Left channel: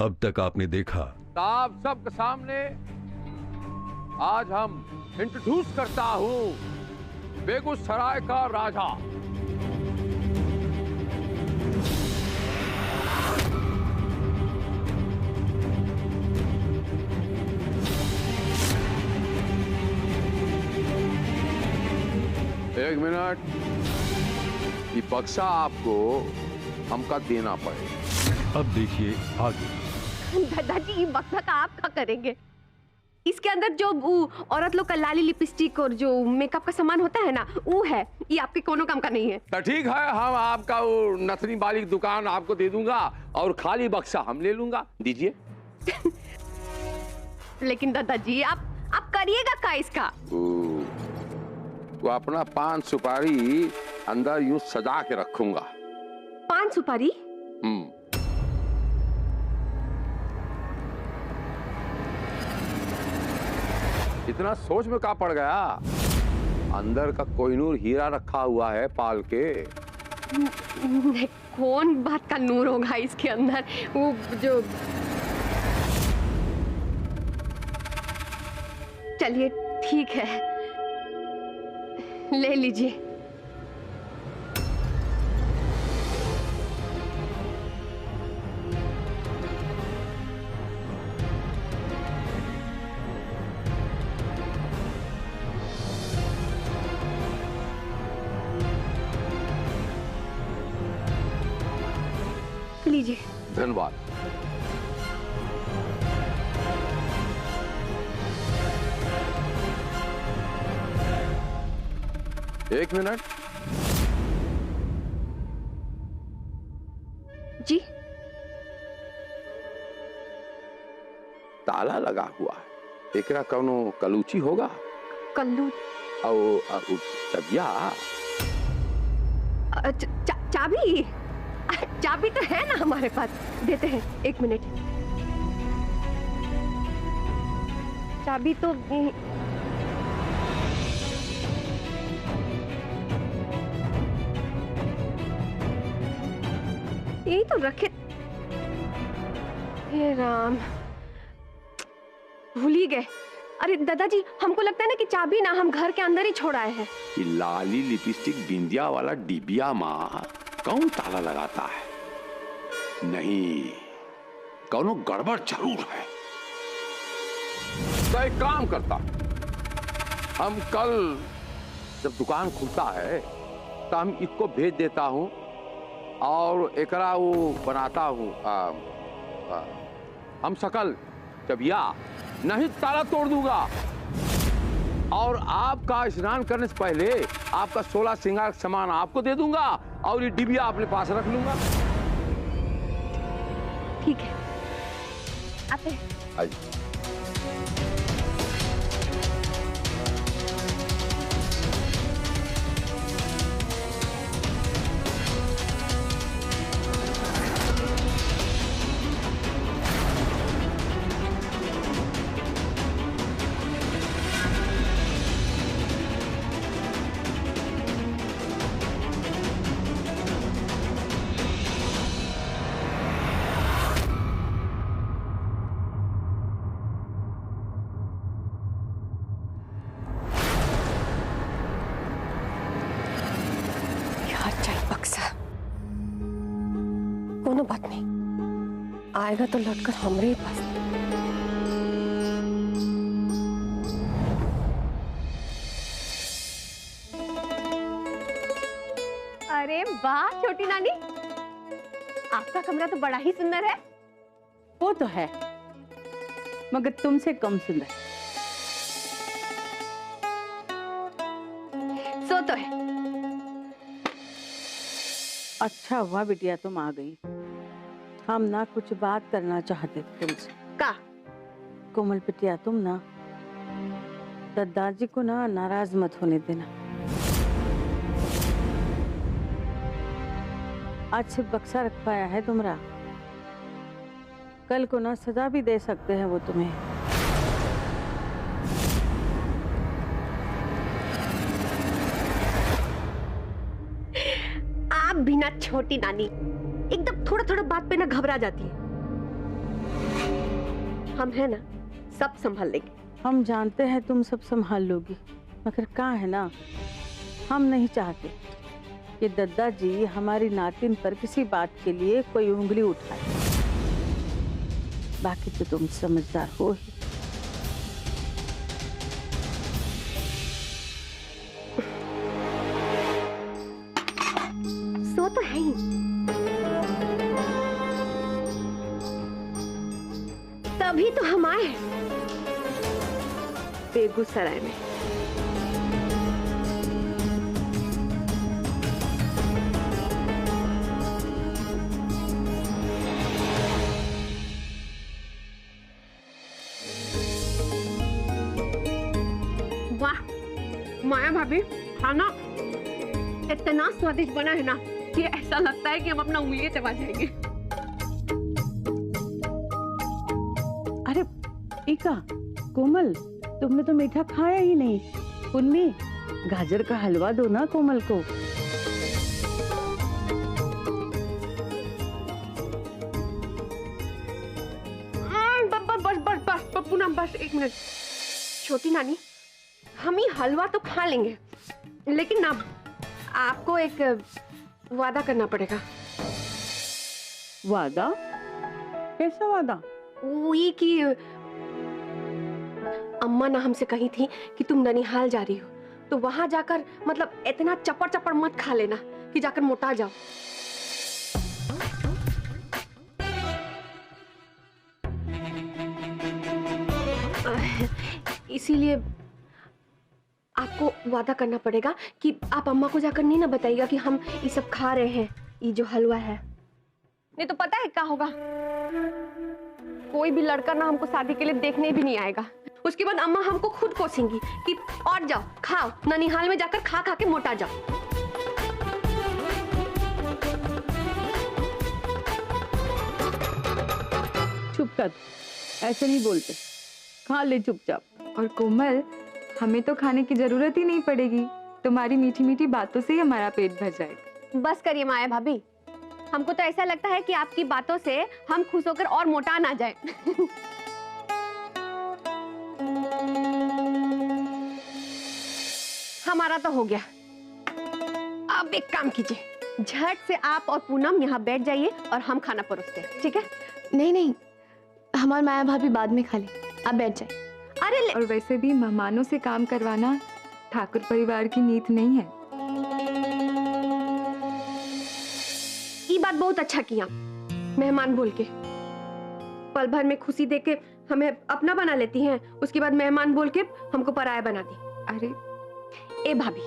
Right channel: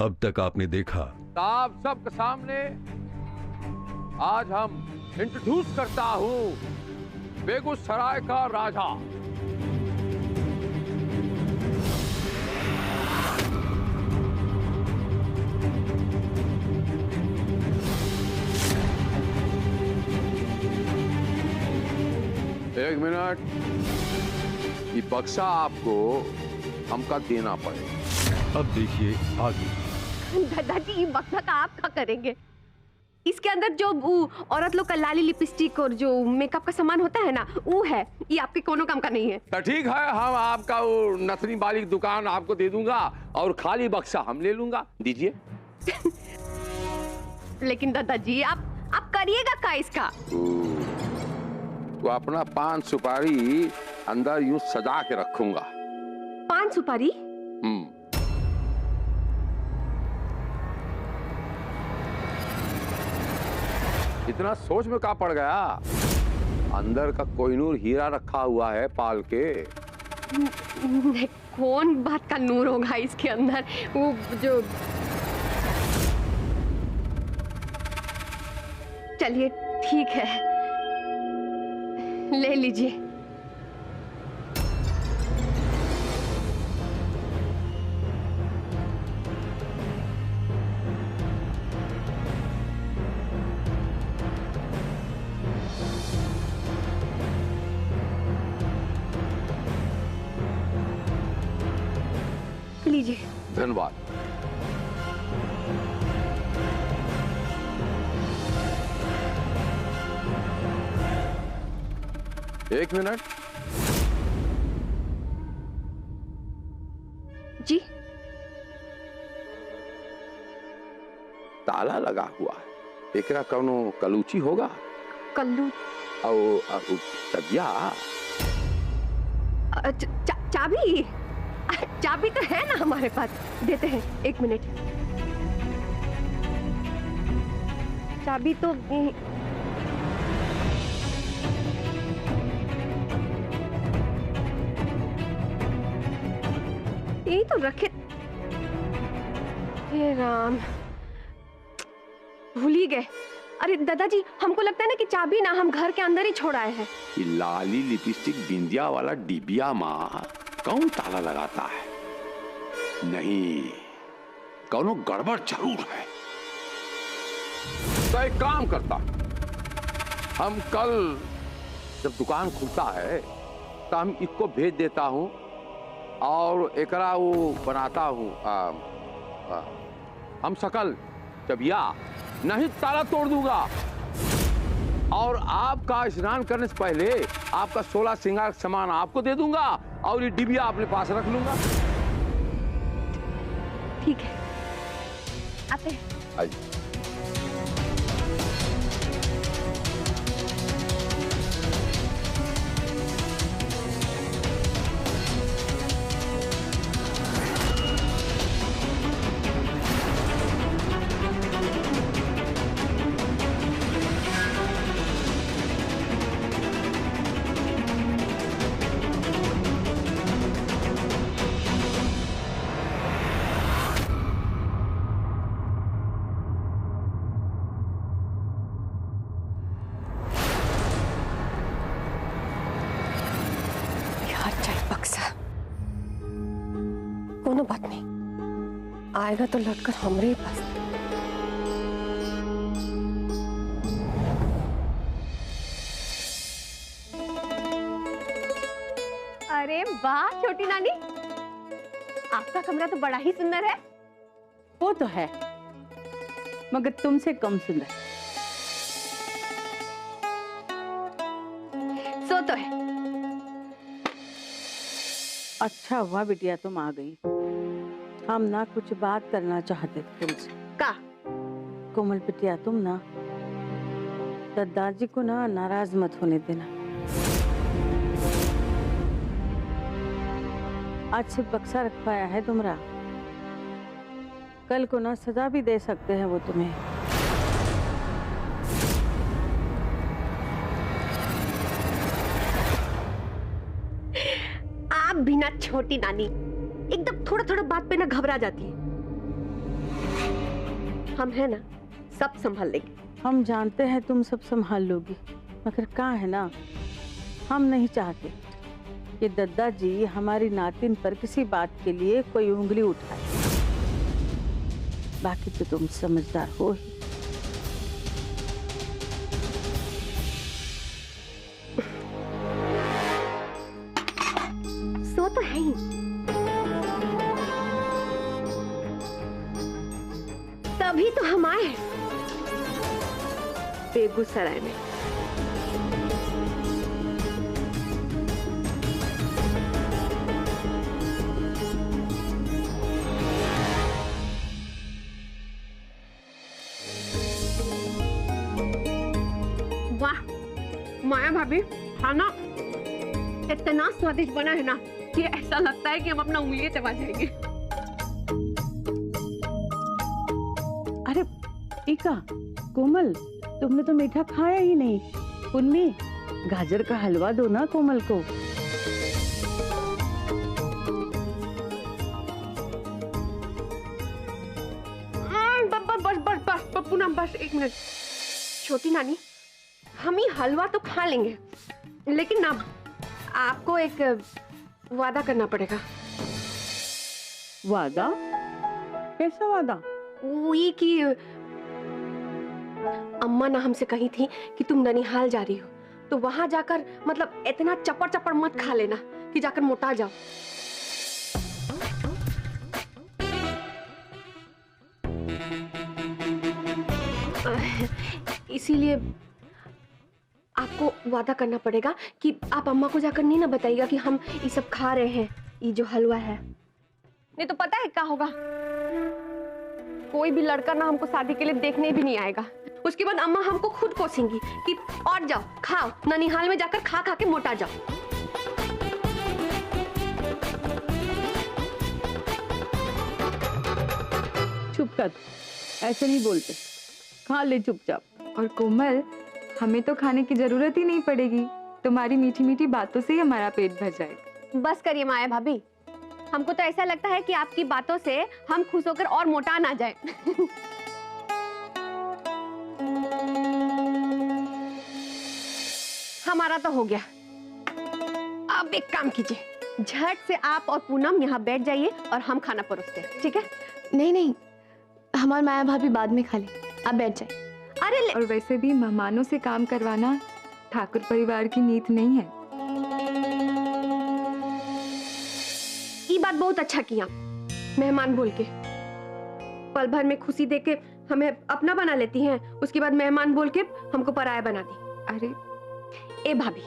अब तक आपने देखा। आप सबके सामने आज हम इंट्रोड्यूस करता हूं बेगूसराय का राजा। एक मिनट, ये बक्सा आपको हमका देना पड़ेगा। अब देखिए आगे। दादाजी ये बक्सा का आप क्या करेंगे? इसके अंदर जो औरत लोग का लाली लिपस्टिक और जो मेकअप का सामान होता है ना, वो है। ये आपके कोनो काम का नहीं है। तो ठीक है, हम आपका वो नथनी वाली दुकान आपको दे दूंगा और खाली बक्सा हम ले लूंगा। दीजिए। लेकिन दादाजी आप करिएगा क्या इसका? वो अपना पान सुपारी अंदर यूं सजा के रखूंगा। पान सुपारी? इतना सोच में क्या पड़ गया? अंदर का कोहिनूर हीरा रखा हुआ है पाल के। कौन बात का नूर होगा इसके अंदर? वो जो, चलिए ठीक है, ले लीजिए। लीजिए। धन्यवाद। एक मिनट। जी? ताला लगा हुआ है। एकरा कौनो कलूची होगा? कल्लू? चबिया? चाबी? चाबी तो है ना हमारे पास, देते हैं। एक मिनट। चाबी तो यही तो रखे। हे राम, भूल ही गए। अरे दादाजी, हमको लगता है ना कि चाबी ना हम घर के अंदर ही छोड़ आए हैं। ये लाली लिपस्टिक बिंदिया वाला डिबिया माँ कौन ताला लगाता है? नहीं, कौनो गड़बड़ जरूर है। तो एक काम करता, हम कल जब दुकान खुलता है तो हम इसको भेज देता हूं और एकरा वो बनाता हूं। हम सकल चबिया नहीं ताला तोड़ दूंगा और आपका स्नान करने से पहले आपका 16 श्रृंगार सामान आपको दे दूंगा और ये डिबिया अपने पास रख लूंगा। ठीक है, आते हैं। आइए। कोनो बात नहीं, आएगा तो लौटकर हमरे ही पास। अरे वाह छोटी नानी, आपका कमरा तो बड़ा ही सुंदर है। वो तो है, मगर तुमसे कम सुंदर। सो तो है। अच्छा हुआ बिटिया तुम आ गई। हम ना कुछ बात करना चाहते थे तुमसे। का? कोमल बिटिया, तुम ना दादाजी को ना नाराज मत होने देना। आज सिर्फ बक्सा रखवाया है तुमरा, कल को ना सजा भी दे सकते हैं वो तुम्हें। आप भी ना छोटी नानी एकदम थोड़ा थोड़ा बात पे ना घबरा जाती है। हम है ना, सब संभाल लेंगे। हम जानते हैं तुम सब संभाल लोगी, मगर कहाँ है ना, हम नहीं चाहते कि दद्दा जी हमारी नातिन पर किसी बात के लिए कोई उंगली उठाए। बाकी तो तुम समझदार हो ही। सो तो है ही। तभी तो हम आए बेगूसराय में। वाह माया भाभी, खाना इतना स्वादिष्ट बना है ना कि ऐसा लगता है कि हम अपना उंगलियां चबा जाएंगे। अरे टीका, कोमल, तुमने तो मीठा खाया ही नहीं। पुन्नी, गाजर का हलवा दो ना कोमल को। बस पूनम, बस एक मिनट। छोटी नानी, हम ही हलवा तो खा लेंगे, लेकिन ना आपको एक वादा करना पड़ेगा। वादा? कैसा वादा? वही कि अम्मा ना हमसे कही थी कि तुम ननिहाल जा रही हो, तो वहां जाकर मतलब इतना चपड़ चपड़ मत खा लेना कि जाकर मोटा जाओ। इसीलिए आपको वादा करना पड़ेगा कि आप अम्मा को जाकर नहीं ना बताइएगा कि हम ये सब खा रहे हैं, ये जो हलवा है। नहीं तो पता है क्या होगा, कोई भी लड़का ना हमको शादी के लिए देखने भी नहीं आएगा। उसके बाद अम्मा हमको खुद कोसेंगी कि और जाओ खाओ, ननिहाल में जाकर खा खा के मोटा जाओ। चुप कर, ऐसे नहीं बोलते, खा ले चुपचाप। और कोमल, हमें तो खाने की जरूरत ही नहीं पड़ेगी, तुम्हारी मीठी मीठी बातों से ही हमारा पेट भर जाएगा। बस करिए माया भाभी, हमको तो ऐसा लगता है कि आपकी बातों से हम खुश होकर और मोटा ना जाए। हमारा तो हो गया। अब एक काम कीजिए, झट से आप और पूनम यहाँ बैठ जाइए और हम खाना परोसते हैं, ठीक है? नहीं नहीं, हमारी माया भाभी बाद में खा ले, आप बैठ जाए। अरे और वैसे भी मेहमानों से काम करवाना ठाकुर परिवार की नीति नहीं है। ये बात बहुत अच्छा किया, मेहमान बोल के। पल भर में खुशी देके हमें अपना बना लेती हैं, उसके बाद मेहमान बोल के हमको पराया बना दी। अरे ए भाभी,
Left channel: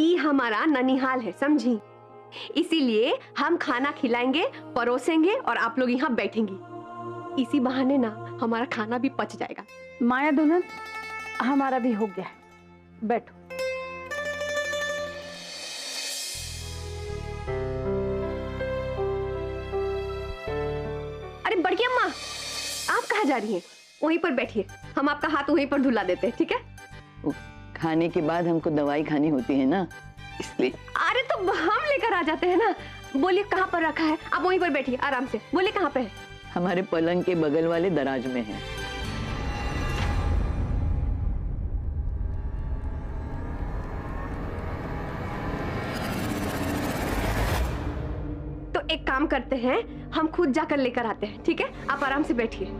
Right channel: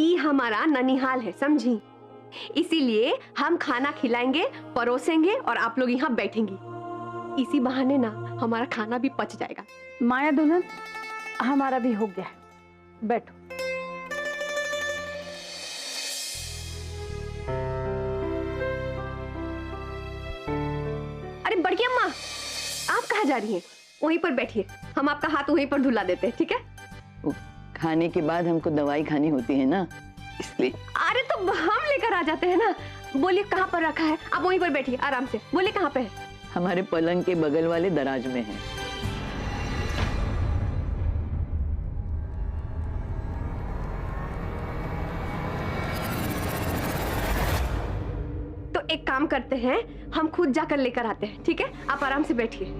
ये हमारा ननिहाल है, समझी? इसीलिए हम खाना खिलाएंगे, परोसेंगे और आप लोग यहाँ बैठेंगी। इसी बहाने ना हमारा खाना भी पच जाएगा। माया दुल्हन, हमारा भी हो गया, बैठो। अरे बड़की अम्मा, आप कहाँ जा रही हैं? वहीं पर बैठिए, हम आपका हाथ वहीं पर धुला देते हैं, ठीक है? खाने के बाद हमको दवाई खानी होती है ना, इसलिए। अरे तो हम लेकर आ जाते हैं ना। बोलिए कहाँ पर रखा है? आप वहीं पर बैठिए आराम से, बोलिए कहाँ पे है? हमारे पलंग के बगल वाले दराज में है। तो एक काम करते हैं, हम खुद जाकर लेकर आते हैं, ठीक है? आप आराम से बैठिए।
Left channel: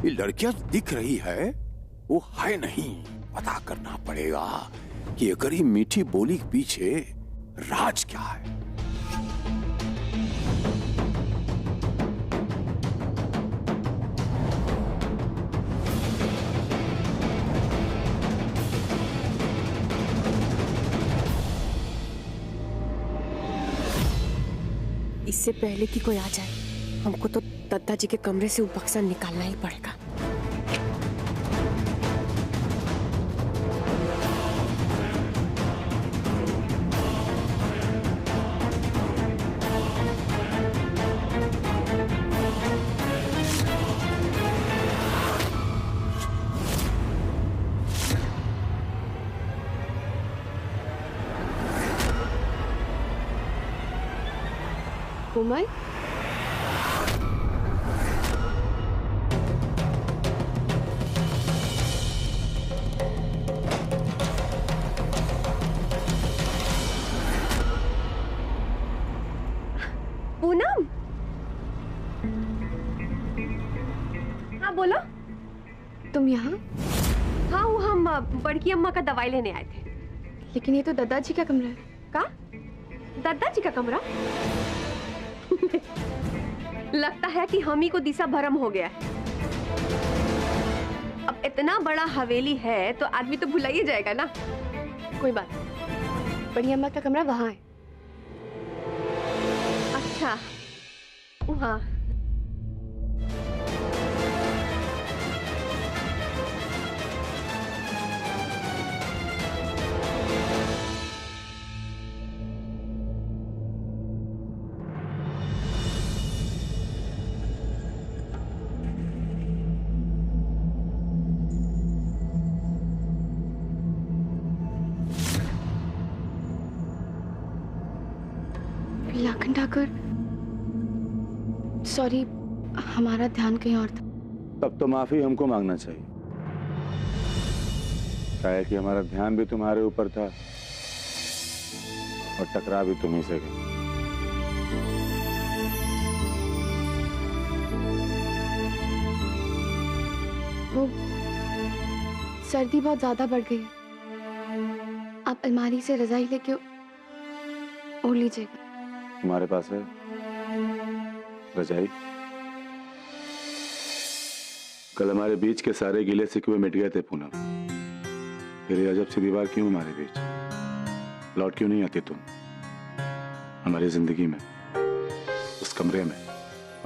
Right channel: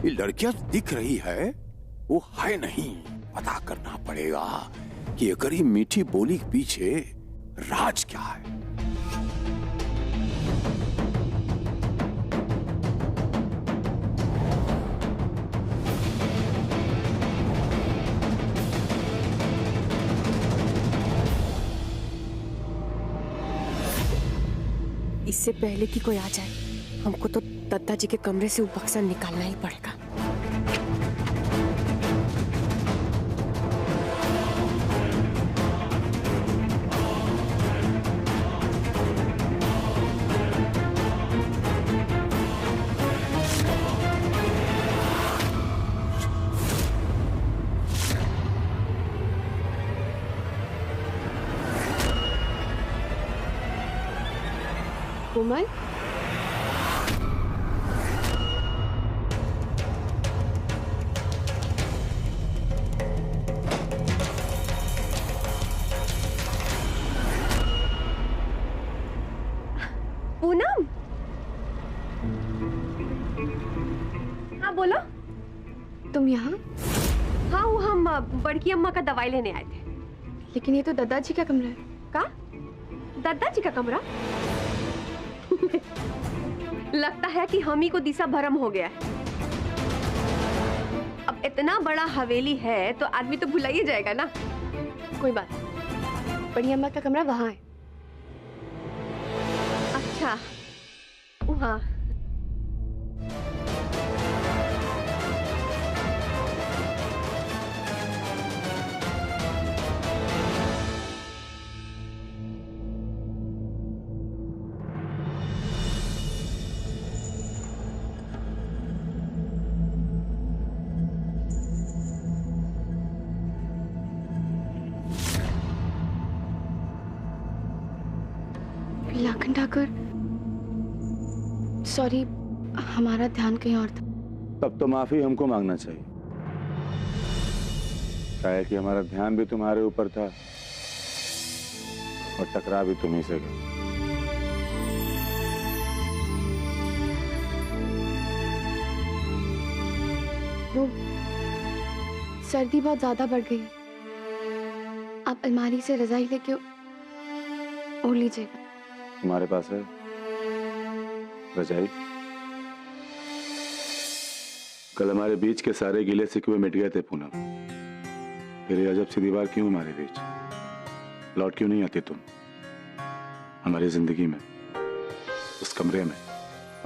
ये लड़कियां दिख रही है, वो है नहीं। पता करना पड़ेगा कि अगर ये मीठी बोली के पीछे राज क्या है। इससे पहले कि कोई आ जाए, हमको तो दद्दा जी के कमरे से वो बक्सा निकालना ही पड़ेगा। कोमल, पूनम, हाँ बोलो। तुम यहाँ? हाँ, वो हम बड़की अम्मा का दवाई लेने आए थे। लेकिन ये तो दादाजी का कमरा है। का? दादाजी का कमरा? लगता है कि हम ही को दिशा भरम हो गया है। अब इतना बड़ा हवेली है तो आदमी तो भुला ही जाएगा ना। कोई बात नहीं, बड़ी अम्मा का कमरा वहाँ है। अच्छा, वहाँ। लाखन ठाकुर, सॉरी, हमारा ध्यान कहीं और था। तब तो माफी हमको मांगना चाहिए। क्या है कि हमारा ध्यान भी तुम्हारे ऊपर था और टकरा भी तुम्ही से गया। वो सर्दी बहुत ज्यादा बढ़ गई है, आप अलमारी से रजाई लेके ओढ़ लीजिएगा। तुम्हारे पास है रजाई? कल हमारे बीच के सारे गिले शिकवे मिट गए थे पूनम। फिर ये अजब सी दीवार क्यों हमारे बीच? लौट क्यों नहीं आती तुम हमारी जिंदगी में, उस कमरे में?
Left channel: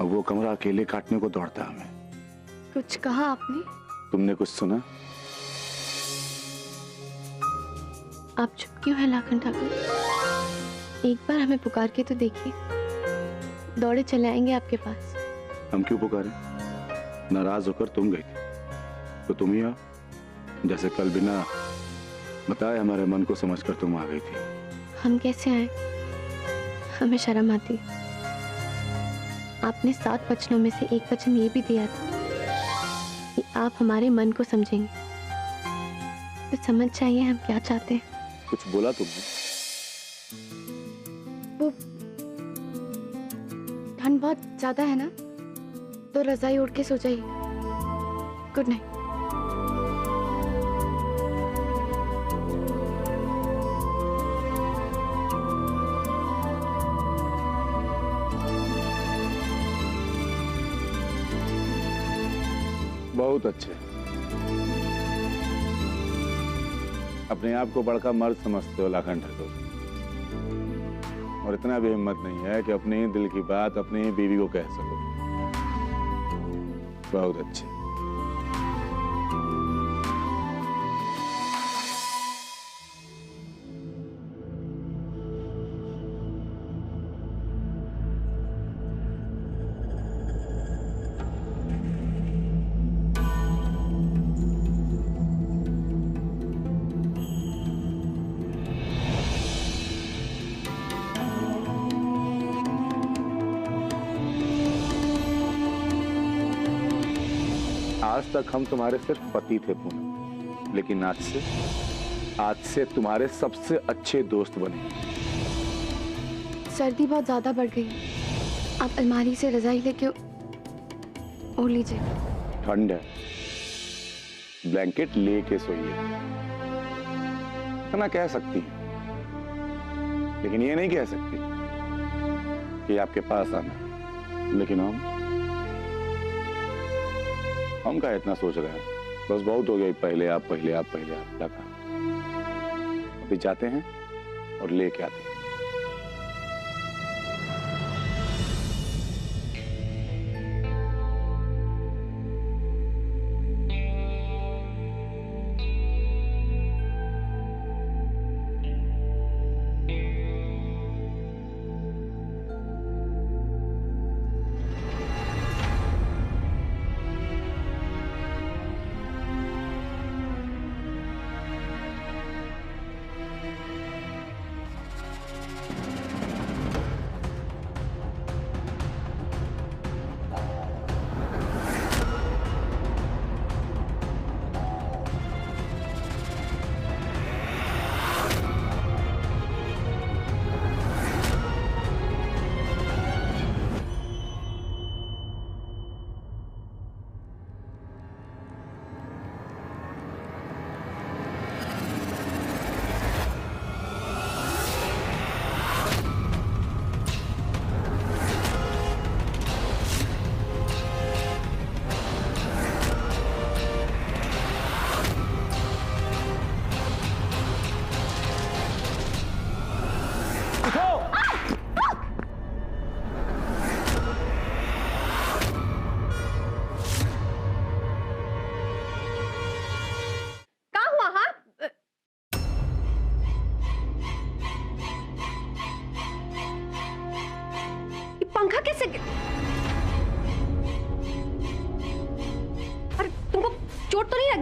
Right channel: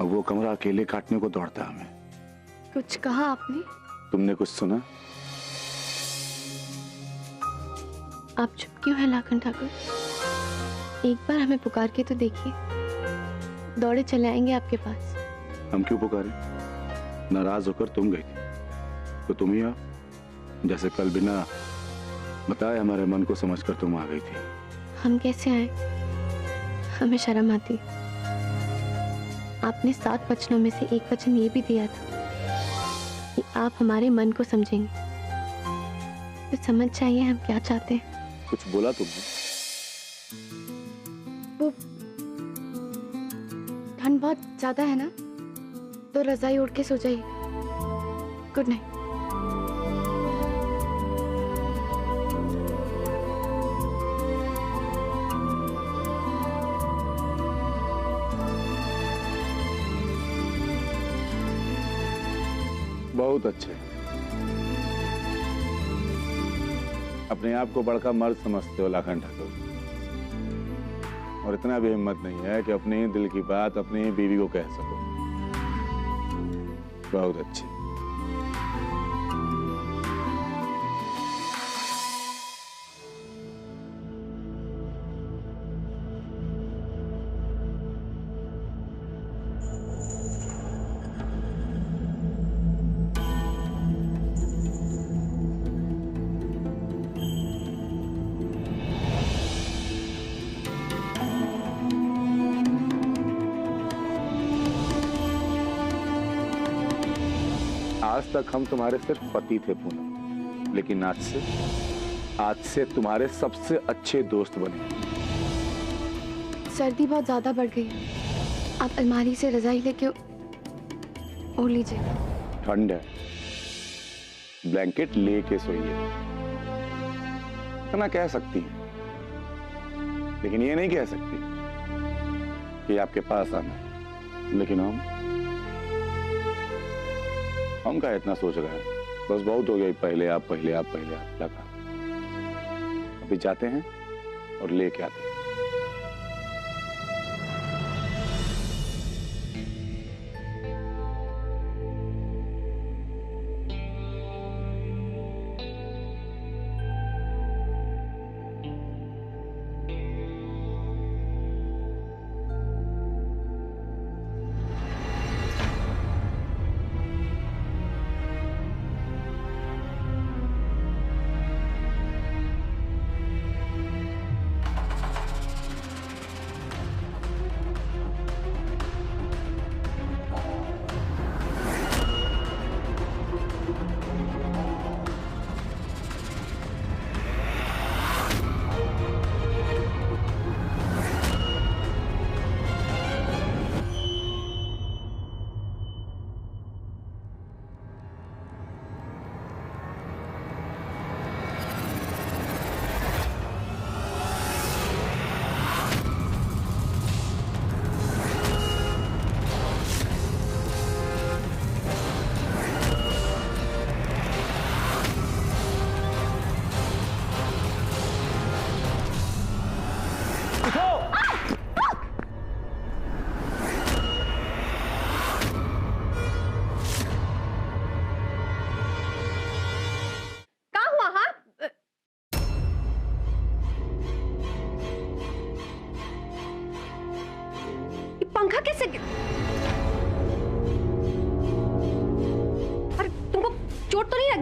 और वो कमरा अकेले काटने को दौड़ता हमें। कुछ कहा आपने? तुमने कुछ सुना? आप चुप क्यों हैं लाखन ठाकुर? एक बार हमें पुकार के तो देखिए, दौड़े चले आएंगे आपके पास। हम क्यों पुकारे? नाराज होकर तुम गई थी तो तुम ही आओ। जैसे कल बिना बताए हमारे मन को समझकर तुम आ गई थी। हम कैसे आए? हमें शर्म आती। आपने 7 वचनों में से एक वचन ये भी दिया था कि आप हमारे मन को समझेंगे, तो समझ जाइए हम क्या चाहते हैं। कुछ बोला तुमने? वो ठंड बहुत ज्यादा है ना, तो रजाई ओढ़ के सो जाइए। Good night. बहुत अच्छे। अपने आप को बड़का मर्द समझते हो लाखन ठाकुर, और इतना भी हिम्मत नहीं है कि अपने ही दिल की बात अपनी ही बीवी को कह सको। बहुत अच्छे। आज तक हम तुम्हारे सिर्फ पति थे पूनम, लेकिन आज से तुम्हारे सबसे अच्छे दोस्त बने। सर्दी बहुत ज्यादा बढ़ गई है, आप अलमारी से रजाई लेके ओढ़ लीजिए। ठंड है, ब्लैंकेट लेके सोइए। इतना कह सकती है, लेकिन ये नहीं कह सकती कि आपके पास आना। लेकिन हम का इतना सोच रहे हैं? बस बहुत हो गया, पहले आप लगा। अभी जाते हैं और लेके आते हैं।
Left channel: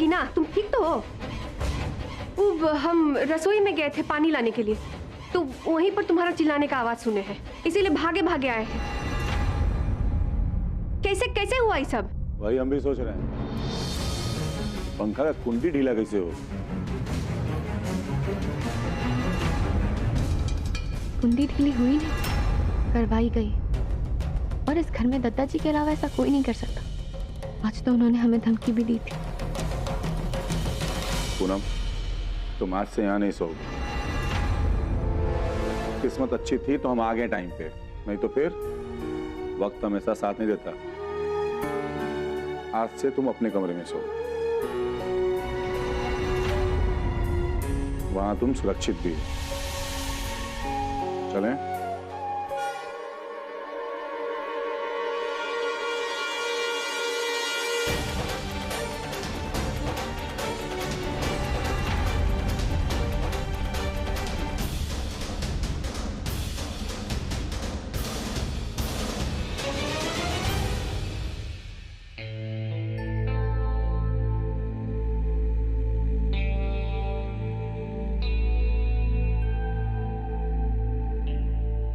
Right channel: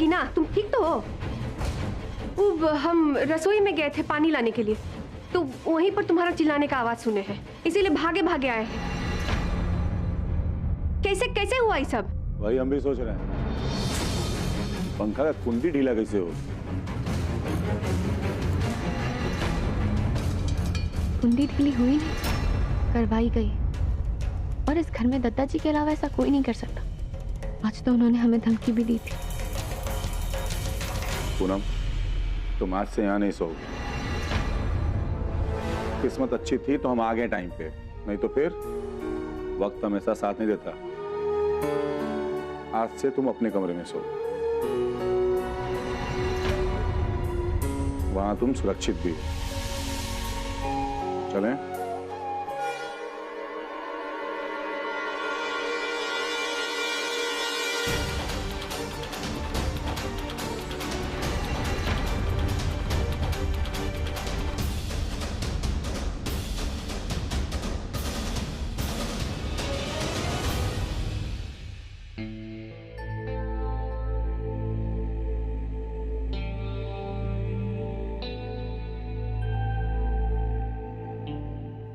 जाएगी ना। तुम ठीक तो हो? हम रसोई में गए थे पानी लाने के लिए, तो वहीं पर तुम्हारा चिल्लाने का आवाज सुने हैं, इसीलिए भागे भागे आए हैं। कैसे कैसे हुआ ये सब? वही हम भी सोच रहे हैं, पंखा का कुंडी ढीला कैसे हो? कुंडी ढीली हुई नहीं, करवाई गई। और इस घर में दद्दा जी के अलावा ऐसा कोई नहीं कर सकता। आज तो उन्होंने हमें धमकी भी दी थी। पूनम, तुम आज से यहाँ नहीं सोओगे। किस्मत अच्छी थी तो हम आ गए टाइम पे, नहीं तो फिर वक्त हमेशा साथ नहीं देता। आज से तुम अपने कमरे में सो, वहां तुम सुरक्षित भी हो। चलें?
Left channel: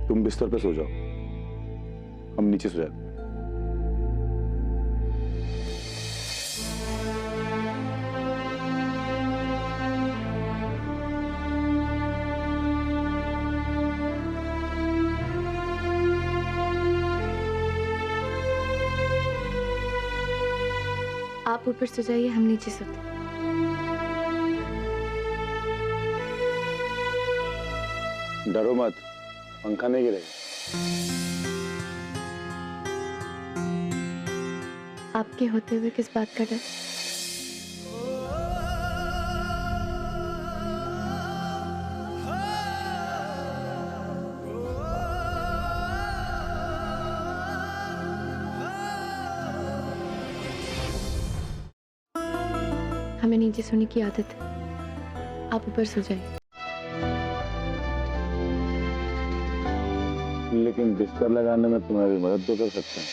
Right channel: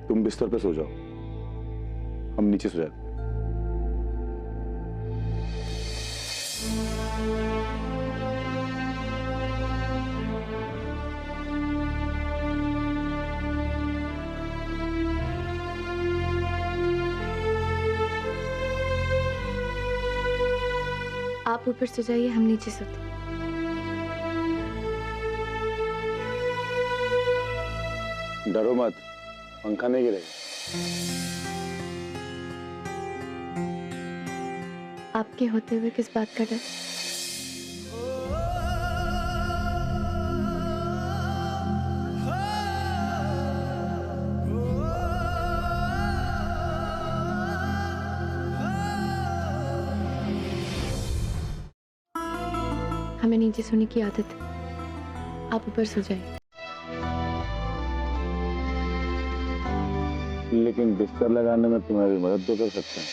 तुम बिस्तर पे सो जाओ, हम नीचे सो जाते हैं। आप ऊपर सो जाइए, हम नीचे सोते। डरो मत, पंखा नहीं गिरेगा। आपके होते हुए किस बात का डर? हमें नीचे सोने की आदत है, आप ऊपर सो जाइए। लेकिन बिस्तर लगाने में तुम्हारी मदद तो कर सकते हैं।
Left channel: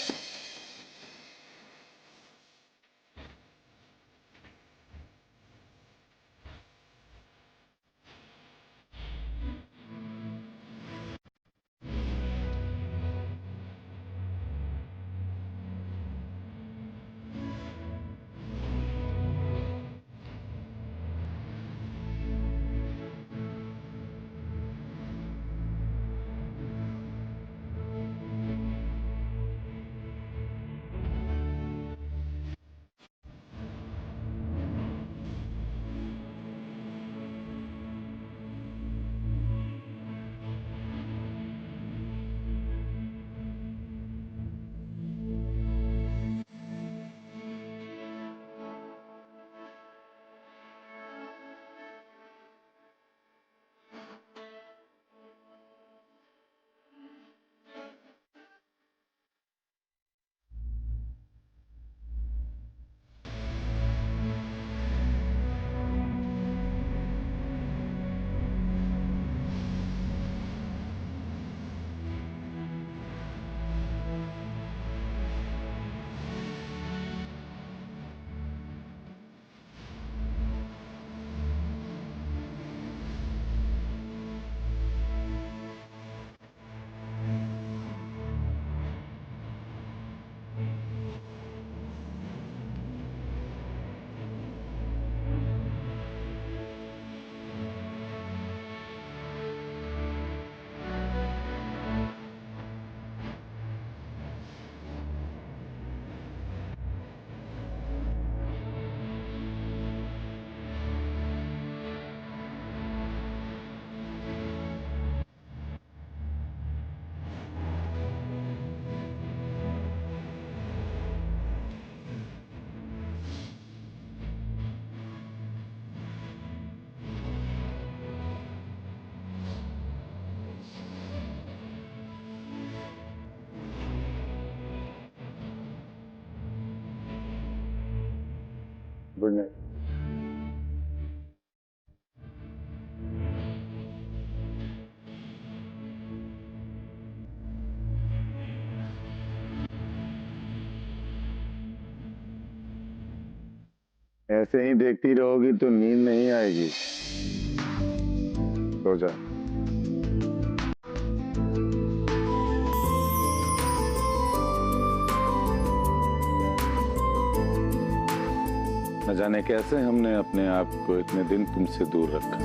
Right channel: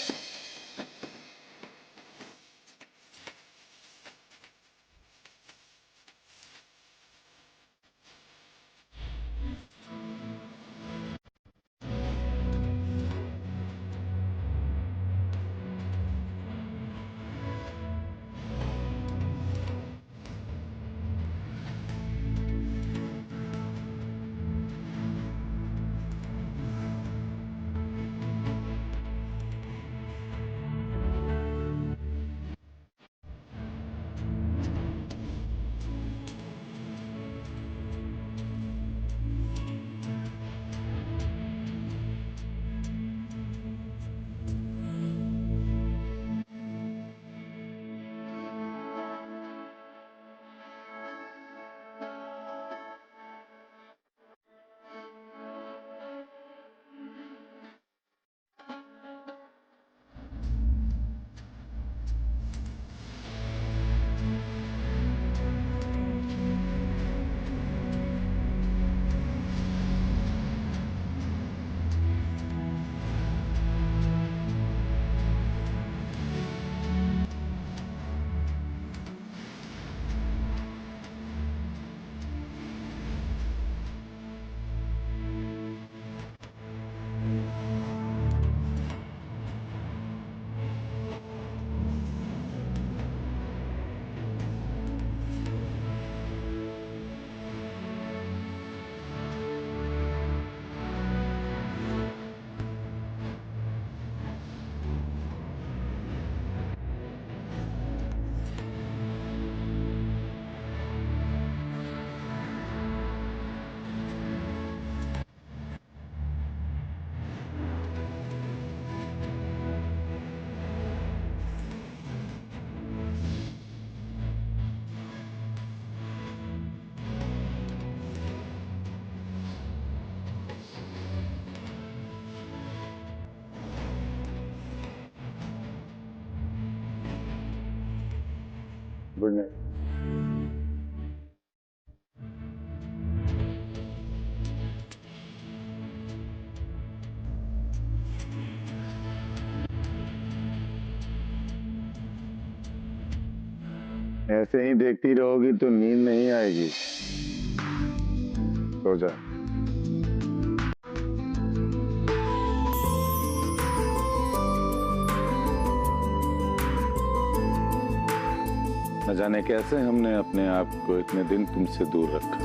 Good night. ऐसे ही देखती रहोगी तो नींद नहीं आएगी। सो जा। न जाने कैसे हमने अपने आप को इतने दिन तुमसे दूर रखा।